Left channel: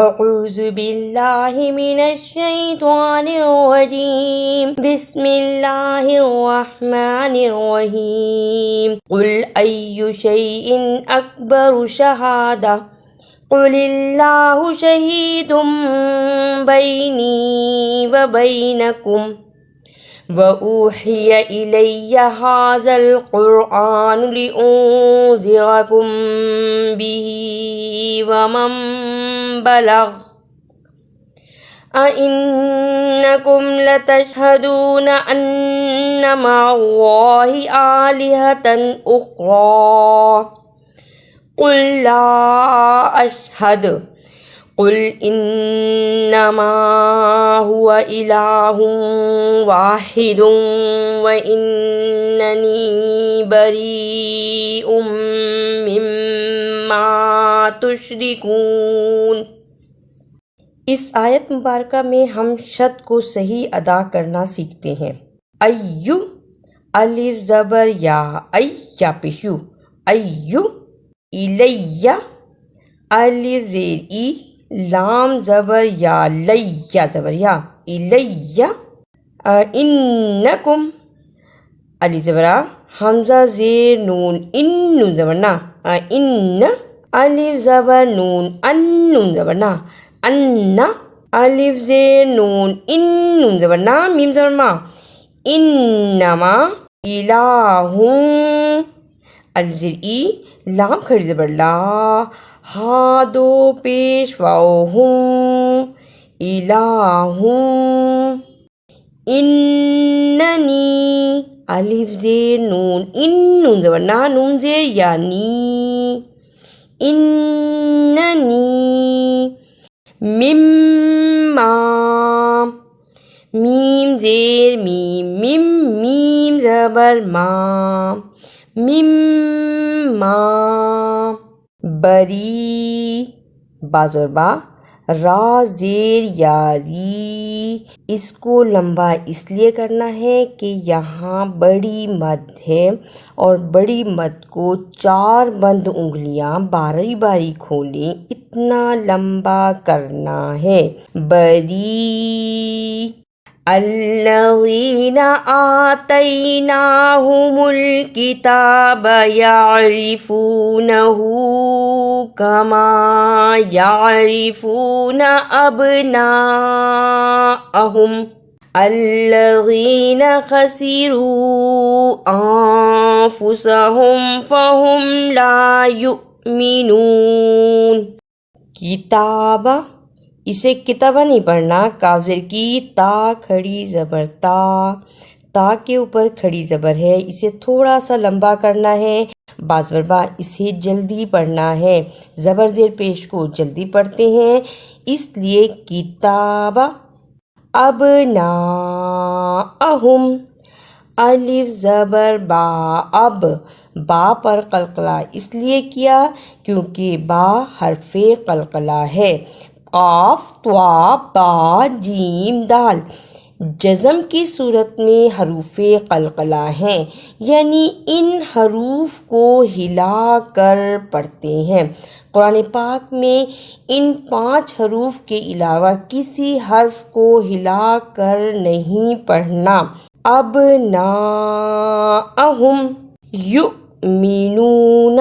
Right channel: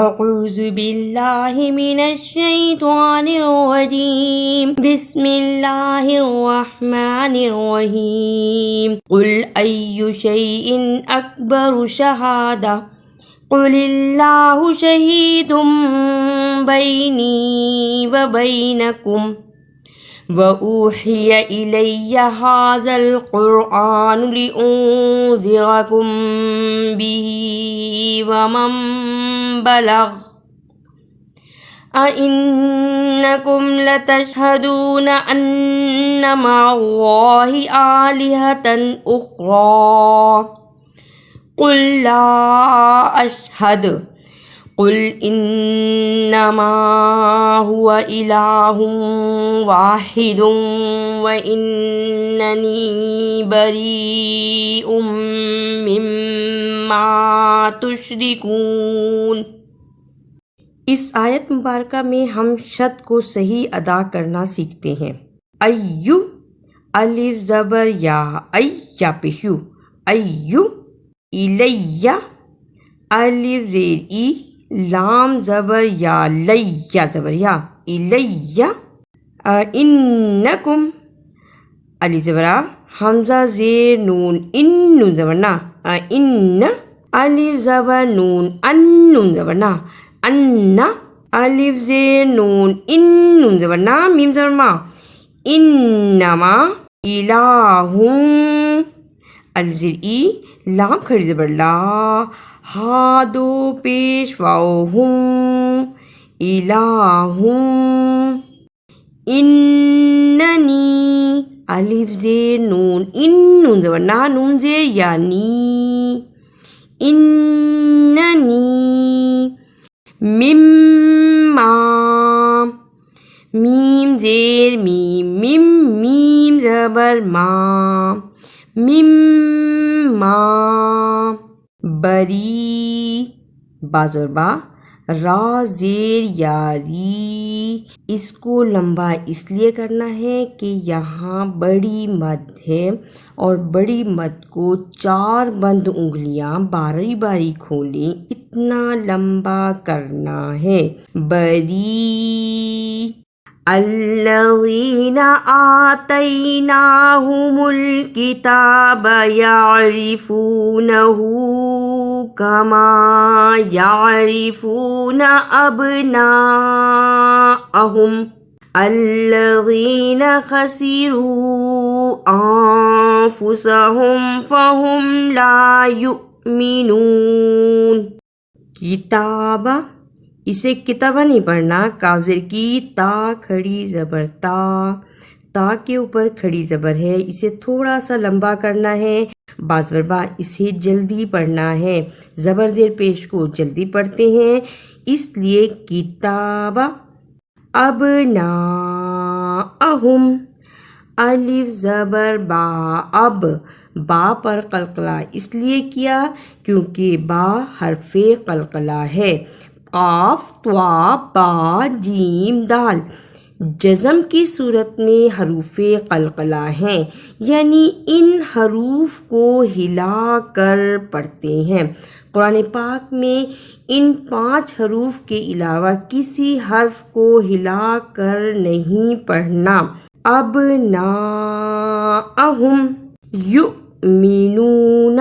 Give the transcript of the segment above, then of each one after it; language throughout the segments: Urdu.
اعوذ باللہ من الشیطان الرجیم بسم اللہ الرحمن الرحیم قل ای شیء اکبر شہادہ قل اللہ شہید بینی وبینکم وَأُوحِيَ إِلَيَّ هَذَا الْقُرْآنُ لِأُنذِرَكُم بِهِ وَمَن بَلَغَ أَئِنَّكُمْ لَتَشْهَدُونَ أَنَّ مَعَ اللَّهِ آلِهَةً أُخْرَى قُل لَّا أَشْهَدُ قل انما هو الہ واحد واننی بریء مما تشرکون۔ اس آیت مبارکہ میں ہم شد کو صحیح ادا کرنا سیکھتے ہیں۔ ایو الف زبر یا یا پیشو ایو، الیہ الف زیر ای لام زبر یا لیا زبر یا الیہ، انکم الف زبر حمزہ زیر نون ان نون زبر نا ان، الف زبر نون ان نون زبر نا ان، الف زیر نون ان نون زبر نا میم زبر ما، انما الہ الف زیر ای لام کھڑی زبر لا ہا دو پیش واؤ ہوں الہ، اننی الف زیر نون ان نون زبر نا نون زیر یعنی، اننی مما میم زیر میم میم میم زبر ما مما، بری با زبر با را زیر یاری، اس کو لمبا اس لیے کرنا ہے کہ یہاں بڑی مد ہے اور بڑی مد کو 4 بند انگلیاں باری باری کھولیں اتنا لمبا کرنا ہے۔ بری الذین آتیناہم الکتاب یعرفونہ کما یعرفون ابناءہم الذین خسروا انفسہم فہم لا یؤمنون۔ کتابہ اسے کتابہ نہیں پڑھنا، کافر کی تا کھڑی زبر تا کے اوپر کھڑی زبر ہے، اسے تھوڑا سا لمبا کرنا ہے، با زبر با اسے جلدی پڑھنا ہے، زبر زیر پیش کو جلدی پڑھتے ہیں، اس لیے کتابہ ابناءہم الف زبر با اب، با پر قلقلہ اس لیے کیا کیونکہ با حرف قلقلہ ہے، قاف طا با جیم دال جزم کی صورت میں حروف قلقلہ ہیں، یعنی ان حروف کو ہلا کر پڑھتے ہیں۔ قرآن پاک میں ان 5 حروف کے علاوہ کسی حرف کو ہلا کر نہیں پڑھنا۔ ابناءہم یؤمنون،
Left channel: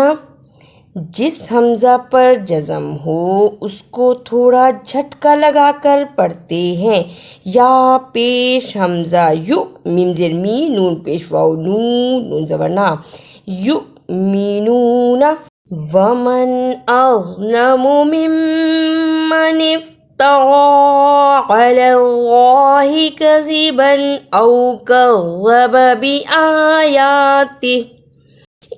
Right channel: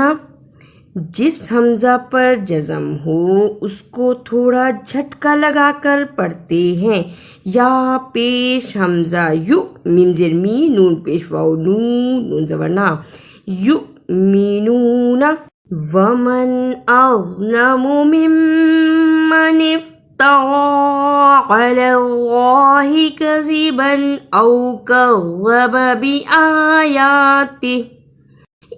جس حمزہ پر جزم ہو اس کو تھوڑا جھٹکا لگا کر پڑھتے ہیں، یا پیش حمزہ یو میم زیر می نون پیش واؤ نون نون زبر نا یؤمنون۔ ومن اظلم ممن افترى علی اللہ کذبا او کذب بآیاتہ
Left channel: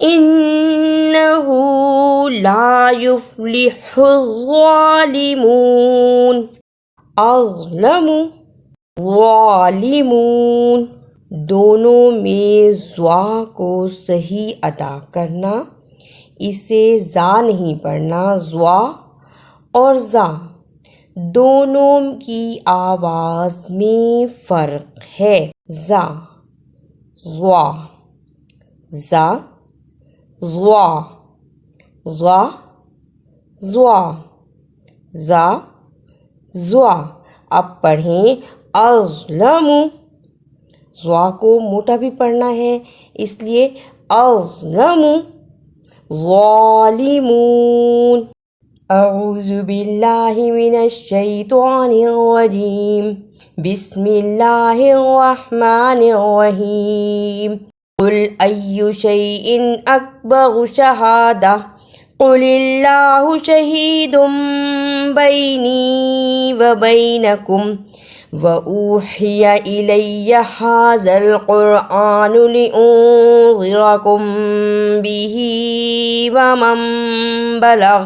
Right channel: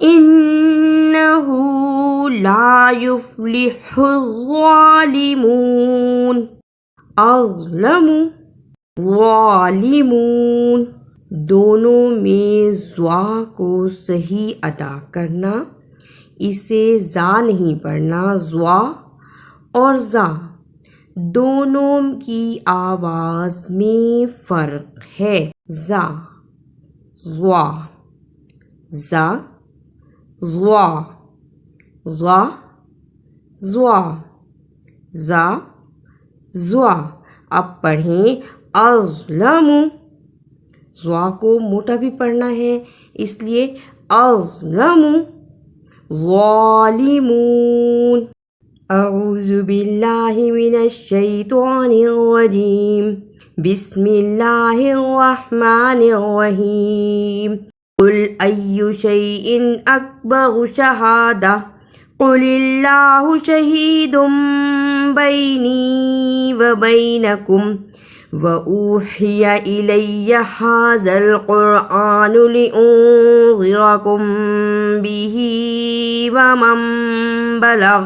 انہ لا یفلح الظالمون۔ اظلم ظالمون دونوں میں زوا کو صحیح ادا کرنا، اسے زا نہیں پڑھنا، زوا اور زا دونوں کی آواز میں فرق ہے، زا زوا زا زوا زوا زوا زا زوا. اب پڑھیں اظلم. زوا کو موٹا بھی پڑھنا ہے اس لیے اظلم. ظالمون. اعوذ باللہ من الشیطان الرجیم. بسم اللہ الرحمن الرحیم. قل ای شیء اکبر شہادہ قل اللہ شہید بینی وبینکم وأوحي إلي هذا القرآن لأنذركم به ومن بلغ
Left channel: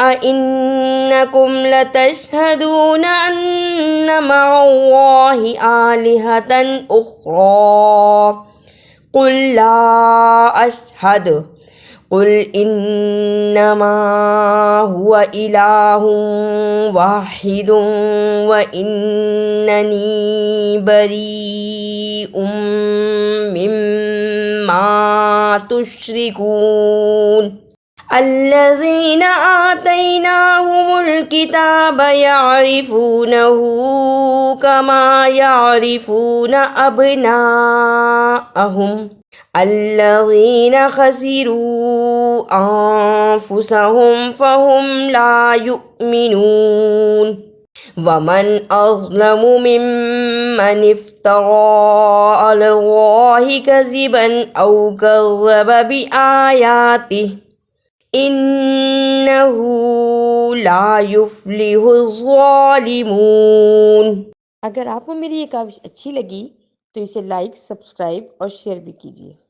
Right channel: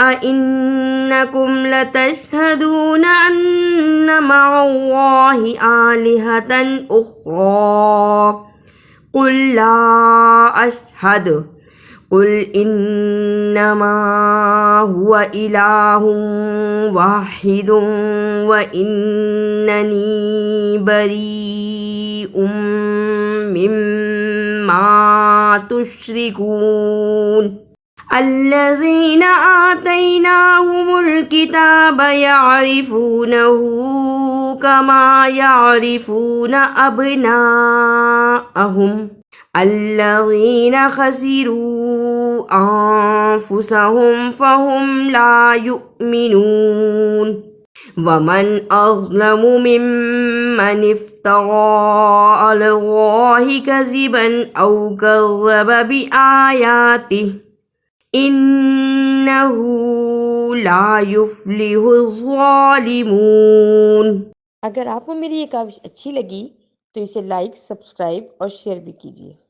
أئنكم لتشهدون أن مع الله آلهة أخرى قل لا أشهد قل انما هو الہ واحد واننی بریء مما تشرکون. الذین آتیناہم الکتاب یعرفونہ کما یعرفون ابناءہم الذین خسروا انفسهم فهم لا یؤمنون. ومن اظلم ممن افترى علی اللہ کذبا او کذب بآیاته انہ لا یفلح الظالمون. اگر آپ کو میری یہ کاوش اچھی لگی تو اسے لائک، سبسکرائب اور شیئر بھی کیجیے.